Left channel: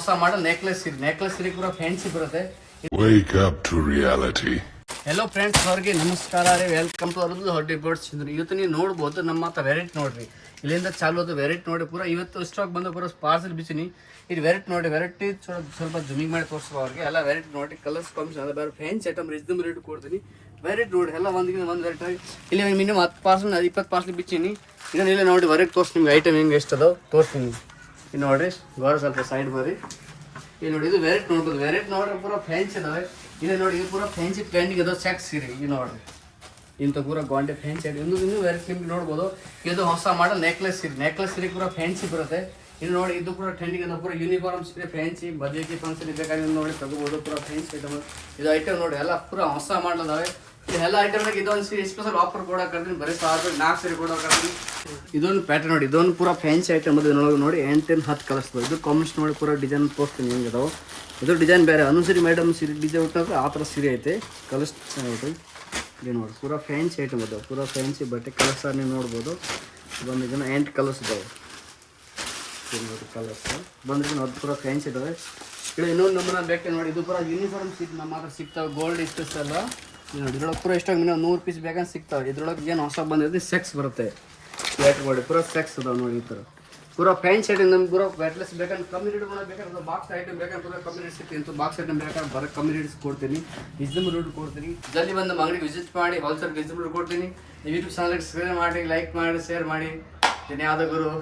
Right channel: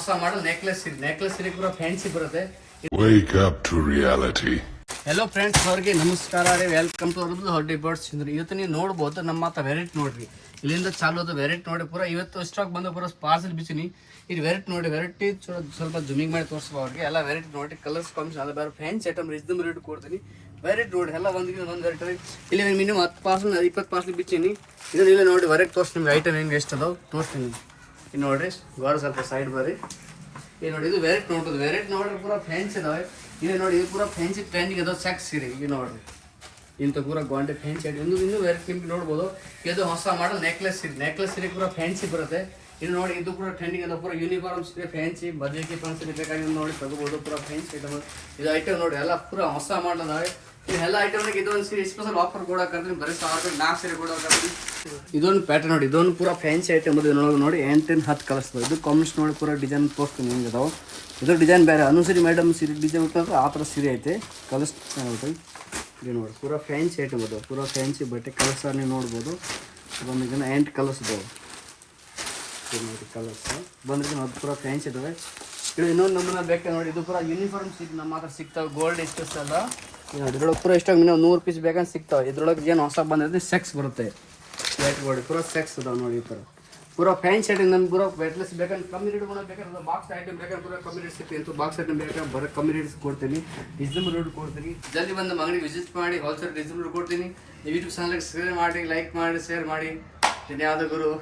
ಹೊಸ ಮಾಡಲ್ ನೆಕ್ಲೆಸ್ ಸೀರೆ ಕೂಡ ಫ್ಯಾನ್ಸಿ ಬರುತ್ತೆ. Wake up to reality. Hello friends, ಅವ್ರಿಗೆ ನಮಸ್ಕಾರ ರೀ. ವೆಲ್ಕಮ್ ಟು ಅರ್ಬುಲ್ ಹೊಡ್ಡಿ ಬರ್ಡ್ಸ್ ಚಂದ್ರಿ. ಇವತ್ತು ನೀವು ನೋಡ್ಬೋದು ನಮ್ಮ ಹತ್ರ ವೆರೈಟಿ ನೋಡ್ರಿ. ಇಲ್ಲಿಂದ ಚಾಲು ಅದು ವೆರೈಟಿ ನೋಡಿ ಪೂರ ಇವತ್ತು ಸ್ಟಾಕ್ ಬಂದ ಪೂರ ಪಾರ್ಸಲ್ ಬಿಚ್ಚಿನಿ. ಇದು ವೆರೈಟಿ ನೋಡಿ, ವೆರೈಟಿ ಸ್ವಲ್ಪ ಜೂಮಿಂಗ್ ಮಾಡಿ ತೋರಿಸ್ಬೋ ಅವ್ರಿಗೆ. ಎಲ್ಲ ವೆರೈಟಿ ನೋಡಿ, ಕಲರ್ಸ್ ಕಾಂಬಿನೇಷನ್ ಅದ ಬೇರೆ ಫ್ಯಾನ್ಸಿ ಐಟಮ್ ರೀಸನಬಲ್ ರೇಟ್ ಕೊಡ್ತೀನಿ. ವೆರೈಟಿ ನೋಡಿ ಎಲ್ಲ ಒಂದು ವೆರೈಟಿ. ಇಲ್ಲಿ ಮಿನಿಮಮ್ 10 ಪಾರ್ಸಲ್ 20 ಪಾರ್ಸಲ್ ಬಿಚ್ಚಿನಿ. ಇದನ್ನ ಇಲ್ಲಿ ನೋಡಿ ಹೊರಗೆ ತೋರಿಸಿ ನಿಮ್ಗೆ ಐಟಮ್ ಹೆಂಗೆ ಎಷ್ಟು ಅದಾವ ತೋರಿಸ್ತೀನಿ. ಇದು ನೋಡಿರಿ, ಗೋರ ಸ್ವಲ್ಪ ಸೈಡ್ ಬರ್ರಿ. ಇದು ನೋಡಿ, ಇದು ವೆರೈಟಿ ನೋಡ್ಬೋದು. ವೆರೈಟಿ ನೋಡಿ ಪೂರ ಫ್ಯಾನ್ಸಿ ಅದಾವೆ. ಇದು ನೋಡಿ, ಇದು ಪೂರ ಫ್ಯಾನ್ಸಿ ಟ್ರೆಂಡಿಂಗ್ ಅದಾವ. ಚೆಕ್ ಸೀರೆ ಇದು ನೋಡ್ರಿ, ಇಂಥ ಪೂರ ಗಾಂಡೆ ಫ್ಯಾನ್ಸಿ ಆಗಿ ಇನ್ನೂ ವೆರೈಟಿ ನಿಮ್ಗೆ ನೋಡ್ಬೋದು. ಇದು ಹೊಸ ಮಾಡಲ್ ನೆಕ್ಲೆಸ್ ಸೀರೆ ಕೂಡ ಫ್ಯಾನ್ಸಿ ಬರುತ್ತೆ. ಇದು ನೋಡಿ, ಇದು ಕೂಡ ಟ್ರೆಂಡಿಂಗ್ ಅದ. ಪೂರ ಯೂನಿಫಾರ್ಮ್ ಸೀರೆ ಫ್ಯಾನ್ಸಿ ಬಜೆಟಿ ಫಂಕ್ಷನ್ ಬೇಕಾಗಿ ನೋಡಿ ತಗೋಬೋದು. ಪೂರ ಫ್ಯಾನ್ಸಿ ಐಟಮ್ ಇದು ಐಟಮ್ ನೋಡಿ, ಎಲ್ಲ ಪೂರ ಹೊಸ ಮಾಡಲ್ ಅದಾವೆ. ಎಲ್ಲ ಐಟಮ್ನಾಗ ಇದೊಂದು ಸೀರೆ ಸ್ಪೆಷಲ್ ಆಫರ್ ಕೊಡೋಕೆ ಬರೀ 1000 4 ಸೀರೆ ಕೊಡೋಕೆ. ಇದೊಂದು ಪ್ಯಾಟರ್ನ್ ನೋಡಿ, ಇದೊಂದು ಪೂರ ಫ್ಯಾನ್ಸಿ ಐಟಮ್ ಅದು. ನೋಡಿ 8-10 ಕಲರ್ಸ್ ಇದು ಕಾಂಬಿನೇಷನ್ ನೋಡಿ ಪೂರ ಡಿಸೈನ್ ತೋರಿಸ್ತೀನಿ ಹೆಂಗೆ ಅದಾವೆ. ಇದು ಡಿಸೈನ್ ಬೇರೆ ಅನುಸರಿ ಮೇಡಮ್ ಸೀರೆ ಡಿಸೈನ್ ಉಟ್ಟಾದ್ರೆ ಆ ಥರ ಸೀರೆ ಐತೆ. ಕಲರ್ಸ್ ನೋಡ್ರಿ, ಇದು ನೋಡಿ ಪೂರ ಫ್ಯಾನ್ಸಿ ಐಟಮ್ ಅದಾವೆ. ಪೂರ ಫ್ಯಾನ್ಸಿ ಬಟ್ಟೆ ಕಲರ್ಸ್ ನೀವು ನೋಡ್ಬೋದು. ಬಂದು ಇದನ್ನು 8 ಕಲರ್ಸ್ ಇದಾವೆ. ನೋಡಿ ಕಲರ್ಸ್ ಬಂದ್ರೆ ಅದು ಪೂರ ಫ್ಯಾನ್ಸಿ ಇದಾವೆ. ಇದು ಇನ್ನೊಂದು ನಮ್ಮನ್ನ ಬೇಕಾ ನೋಡಿ, ಇದು ಪೂರ ಯೂನಿಫಾರ್ಮ್ ನಮ್ಮ ಹತ್ರ ಸಿಗ್ತಾವೆ. ಗೋಲ್ಡ್ ಇಷ್ಟಸ್ ಅಲ್ಲ ನೋಡಿ. ಇದ್ರೊಳಗೆ ಪೂರ ಇಷ್ಟ ಮಿನಿಮಮ್ 100 ಪೀಸ್ ಬೇಕಂತ ಸಿಗ್ತಾವೆ. ಇದ್ರೊಳಗೆ ಏನು ಹೊಸ ಬಂದಿದೆ ಸೆಕ್ಸ್ ಬರುತ್ತೆ. ನೋಡಿ ಪೂರ ಸೆಕ್ಸ್ ಅದಾವೆ ನೋಡಿ. ಈ ಥರ ಪೂರ ಫ್ಯಾನ್ಸಿ ಐಟಮ್ ನಮ್ಗೆ ಪೂರ ವೆಟ್ಲೆಸ್ ಬೇಕಂದ್ರೆ ಕಮ್ಮಿ ರೇಟ್ ಬೇಕಾದ್ರೆ ಬಾಕ್ಸ್ ಐಟಮ್ ಬೇಕಾದ್ರೆ ಪೂರ ಕಮ್ಮಿ ರೇಟ್ ಸಿಗ್ತೀನಿ ಅಂತ ಬಾಕ್ಸ್ ಐಟಮ್ ಬೇಕಾದ್ರೆ ಬರೋ ಕಮ್ಮಿ ರೇಟ್ಸ್ ಕೊಡ್ತೀನಿ. ರೀಸನಬಲ್ ರೇಟ್ ಕೊಡ್ತೀನಿ. ಜಲ್ದಿ ಬಂದು ಅಂಗಡಿಗೆ ವಿಸಿಟ್ ಮಾಡಿ ಹೋಲ್ಸೇಲ್ ರೀಸನಬಲ್ ರೇಟ್ ಕೊಡ್ತೀನಿ. ಯೂಟ್ಯೂಬ್ ಚಾನಲ್ಗೆ ಸಬ್ಸ್ಕ್ರೈಬ್ ಮಾಡಿ, ಲೈಕ್ ಮಾಡಿ, ಶೇರ್ ಮಾಡಿ. ಧನ್ಯವಾದಗಳು.